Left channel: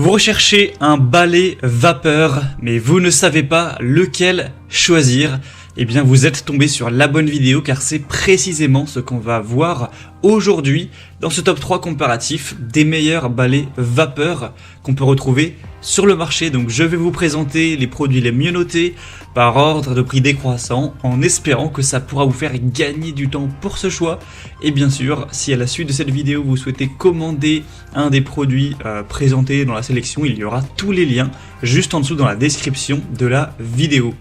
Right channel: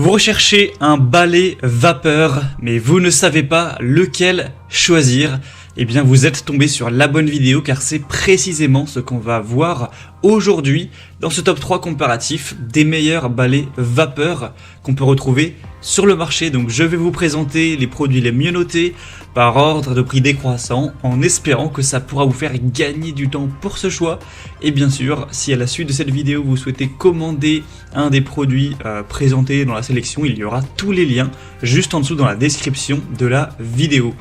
Vous recherchez un balai vapeur, mais vous ne savez pas lequel choisir. Eh bien, vous êtes tombé sur la bonne vidéo car c'est précisément ce qu'on va voir aujourd'hui dans ce top 3 comparatif des meilleurs balais vapeur qu'on peut retrouver sur le marché. Donc, je vais vous présenter les produits les mieux notés par ordre de prix décroissant en espérant que ça pourra vous faire gagner du temps pour ce choix. Et bien sûr, si à la suite de cette vidéo, vous souhaitez commander un des produits présentés dans la sélection, il y aura tous les liens juste en dessous dans la description de la vidéo.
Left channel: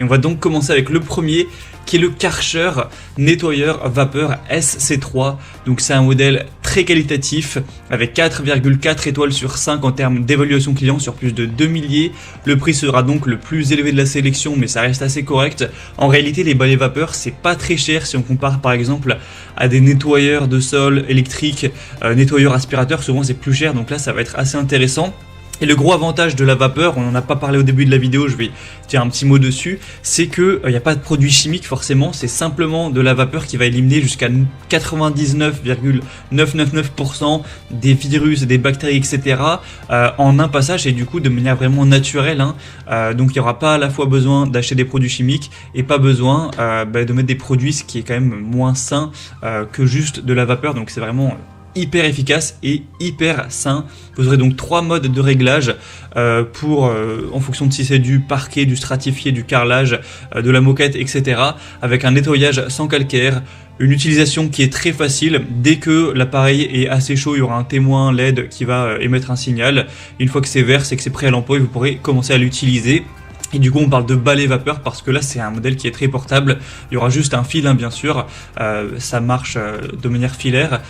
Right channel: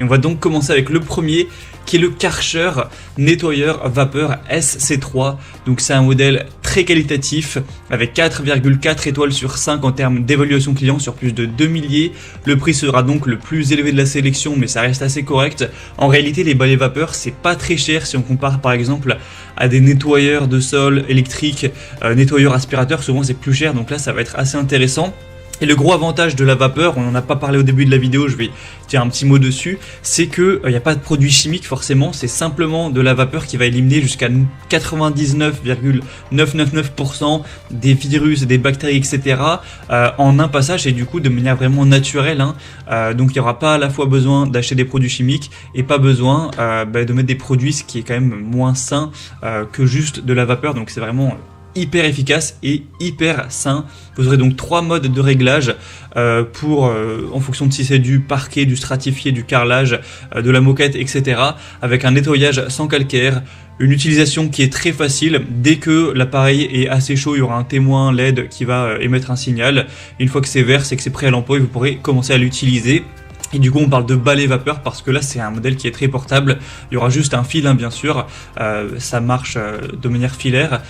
Et on va donc commencer avec le premier qui est le Karcher nettoyeur vapeur SC3. Donc c'est un modèle très qualitatif avec 4,4 étoiles sur 5 en termes d'évaluation client sur plus de 2 milliers. Le prix sera donc le plus élevé de la sélection, mais ça reste assez correct. En réalité, les balais vapeur, c'est pas très cher si on compare par exemple à des nettoyeurs de sol électriques, nettoyeurs aspirateurs, souvent c'est plus cher, donc là ça va être assez intéressant. Et le gros avantage de la vapeur, on n'en a pas parlé au début de la vidéo, je vais faire un petit mot dessus, c'est que il n'y a pas de produits chimiques forcément, c'est simplement de la vapeur qui va éliminer jusqu'à 99,999% des virus, des bactéries, etc. En un passage et du coup de manière vraiment naturelle. Donc il n'y aura pas à la fois besoin d'acheter des produits chimiques et pas besoin de mettre des produits, ce qui est quand même moins sain que juste de la vapeur. Donc c'est vraiment hyper efficace et hyper sain. Vous aurez donc 3 modes de réglage en fonction de si c'est du parquet, du stratifié, du carrelage, de la moquette, etc. Avec un nettoyage sans calcaire, une utilisation qui est très facile. Dès que l'appareil est assez chaud, il y aura un témoin LED qui va émettre un signal. Une fois que c'est vert, c'est que c'est prêt à l'emploi et vous pourrez commencer à l'utiliser. Et du coup on parle de balai vapeur parce que là c'est un modèle qui est très portable. Il y aura juste un fil bien sûr, ça marche de manière filaire.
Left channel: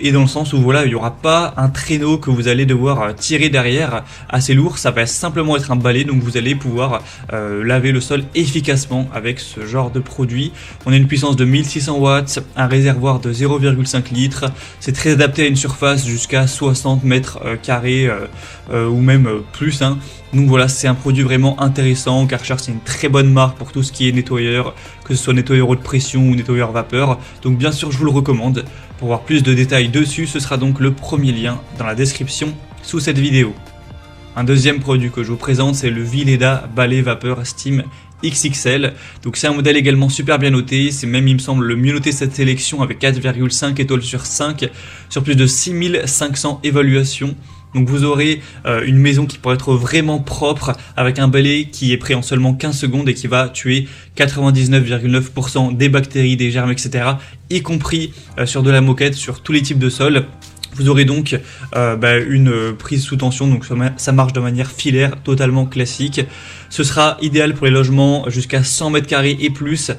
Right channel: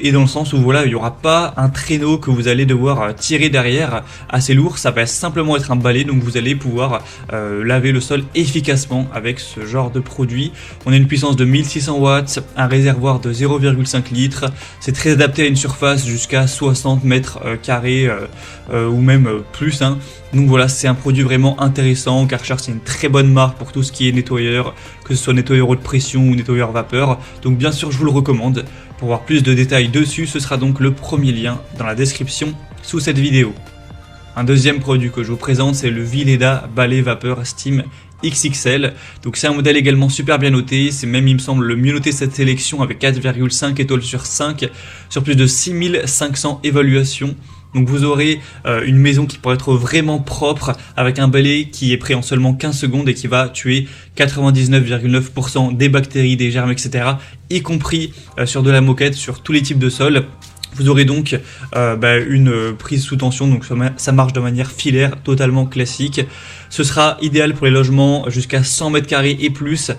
Et dans le sens où voilà, il n'y aura pas un traîneau que vous allez devoir tirer derrière assez lourd, ça va simplement être un balai, donc vous allez pouvoir laver le sol efficacement avec ce genre de produit. On a une puissance de 1600 watts, un réservoir de 0,5 litres, c'est très adapté à une surface jusqu'à 60 mètres carrés ou même plus. Donc voilà, c'est un produit vraiment intéressant, car c'est une très bonne marque pour tout ce qui est nettoyeur, que ce soit nettoyeur haute pression ou nettoyeur vapeur. Donc bien sûr, je vous le recommande. Pour voir plus de détails dessus, ce sera donc le premier lien dans la description sous cette vidéo. Un deuxième produit que je vous présente, c'est le Vileda balai vapeur Steam XXL. Donc c'est un modèle également super bien noté, c'est même il me semble le mieux noté de cette sélection avec 4,5 étoiles sur 5 sur plus de 6500 évaluations. Donc vous aurez une maison qui pourra être vraiment propre avec un balai qui est prêt en seulement 15 secondes et qui va tuer 99,9% des bactéries, des germes, etc. y compris sur de la moquette, sur tous les types de sols. Vous aurez donc une prise sous tension, donc ça marche de manière filaire, totalement classique. Ce sera idéal pour les logements jusqu'à 100 mètres carrés et plus.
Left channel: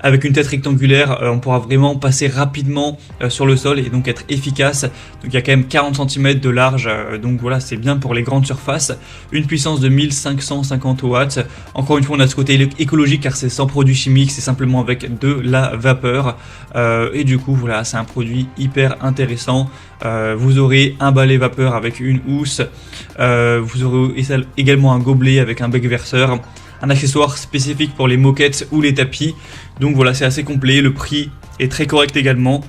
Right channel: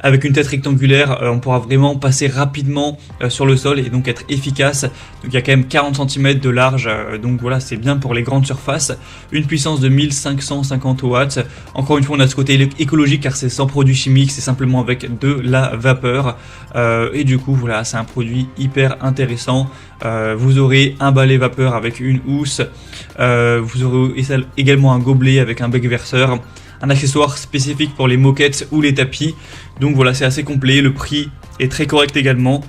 Avec une tête rectangulaire, on pourra vraiment passer rapidement sur le sol et donc être efficace. Donc il y a quand même 40 cm de large, donc voilà, c'est bien pour les grandes surfaces. Une puissance de 1550 watts. Encore une fois, on a ce côté écologique car c'est sans produits chimiques, c'est simplement avec de la vapeur. Et du coup, voilà, c'est un produit hyper intéressant. Vous aurez un balai vapeur avec une housse. Vous aurez également un gobelet avec un bec verseur. Un accessoire spécifique pour les moquettes ou les tapis. Donc voilà, c'est assez complet, le prix est très correct également.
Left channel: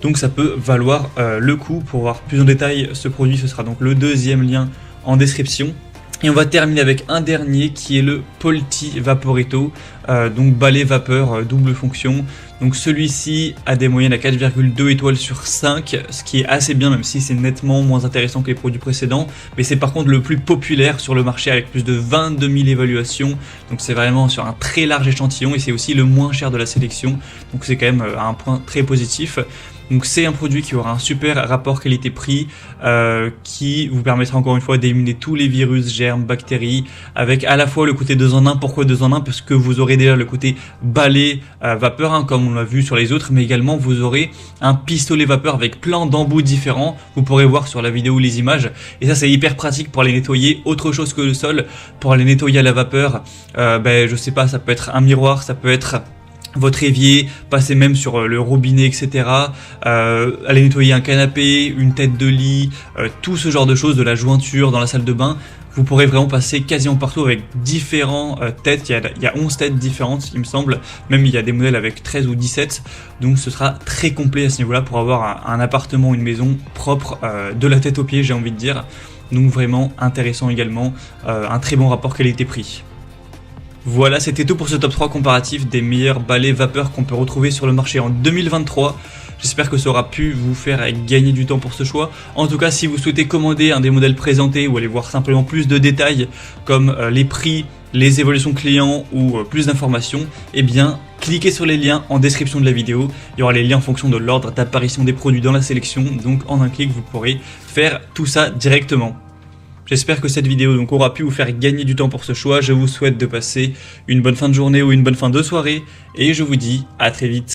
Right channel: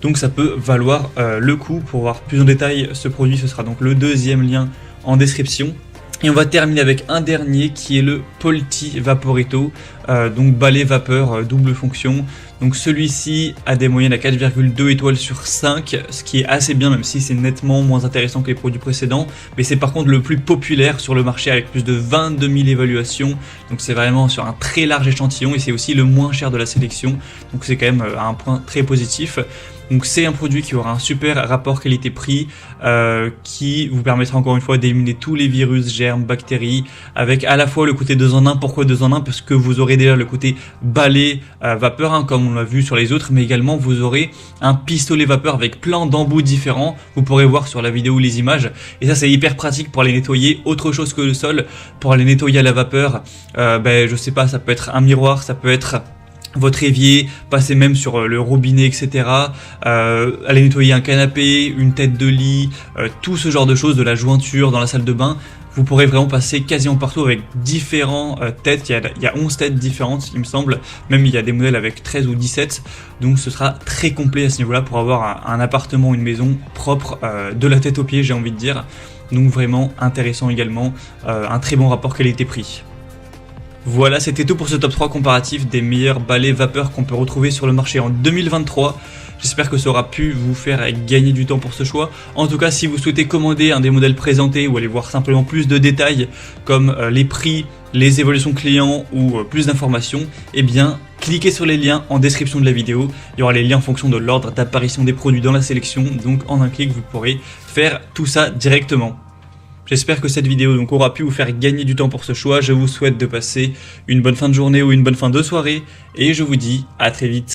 Donc ça peut valoir le coup. Pour voir plus de détails, ce produit, ce sera donc le deuxième lien en description. Et on va terminer avec un dernier qui est le Polti Vaporetto, donc balai vapeur double fonction. Donc celui-ci a des moyennes à 4,2 étoiles sur 5, ce qui est assez bien même si c'est nettement moins intéressant que les produits précédents. Mais c'est par contre le plus populaire sur le marché avec plus de 22 000 évaluations. Donc c'est vraiment sur un très large échantillon et c'est aussi le moins cher de la sélection. Donc c'est quand même un point très positif. Donc c'est un produit qui aura un super rapport qualité-prix qui vous permettra encore une fois d'éliminer tous les virus, germes, bactéries avec à la fois le côté 2 en 1. Pourquoi 2 en 1? Parce que vous aurez déjà le côté balai vapeur comme on l'a vu sur les autres, mais également vous aurez un pistolet vapeur avec plein d'embouts différents. Vous pourrez voir sur la vidéo les images et ça c'est hyper pratique pour les nettoyer autre chose que le sol, pour les nettoyer à la vapeur. Je sais pas, ça peut être un miroir, ça peut être votre évier, passer même sur le robinet, etc. Aller nettoyer un canapé, une tête de lit, tout ce genre de choses, de la jointure dans la salle de bain. Vous pourrez vraiment passer quasiment partout avec différents têtes. Il y a 11 têtes différentes, il me semble. Même il y a des modèles avec 13 ou 17. Donc ce sera très complet à ce niveau-là pour avoir un appartement, une maison propre de la tête aux pieds, j'ai envie de dire. Donc vraiment intéressant également, un très bon rapport qualité-prix. Voilà, c'était tout pour ce top 3 comparatif des meilleurs balais vapeur qu'on peut retrouver sur le marché en 2023. J'espère que ça aura pu vous faire gagner du temps pour ce choix. En tout cas, si vous souhaitez commander un des modèles présentés ou aller voir simplement plus de détails comme les prix, les évolutions clients ou plus d'informations, eh bien, cliquez sur les liens en description de la vidéo. Il y aura les liens en fonction de l'ordre d'apparition des produits dans la sélection. Donc, en un clic, vous pourrez faire tout ça directement. J'espère que cette vidéo donc aura pu vous faire gagner du temps pour ce choix. Je vous souhaite de passer une bonne fin de journée ou une bonne fin de soirée et je vous dis à très vite.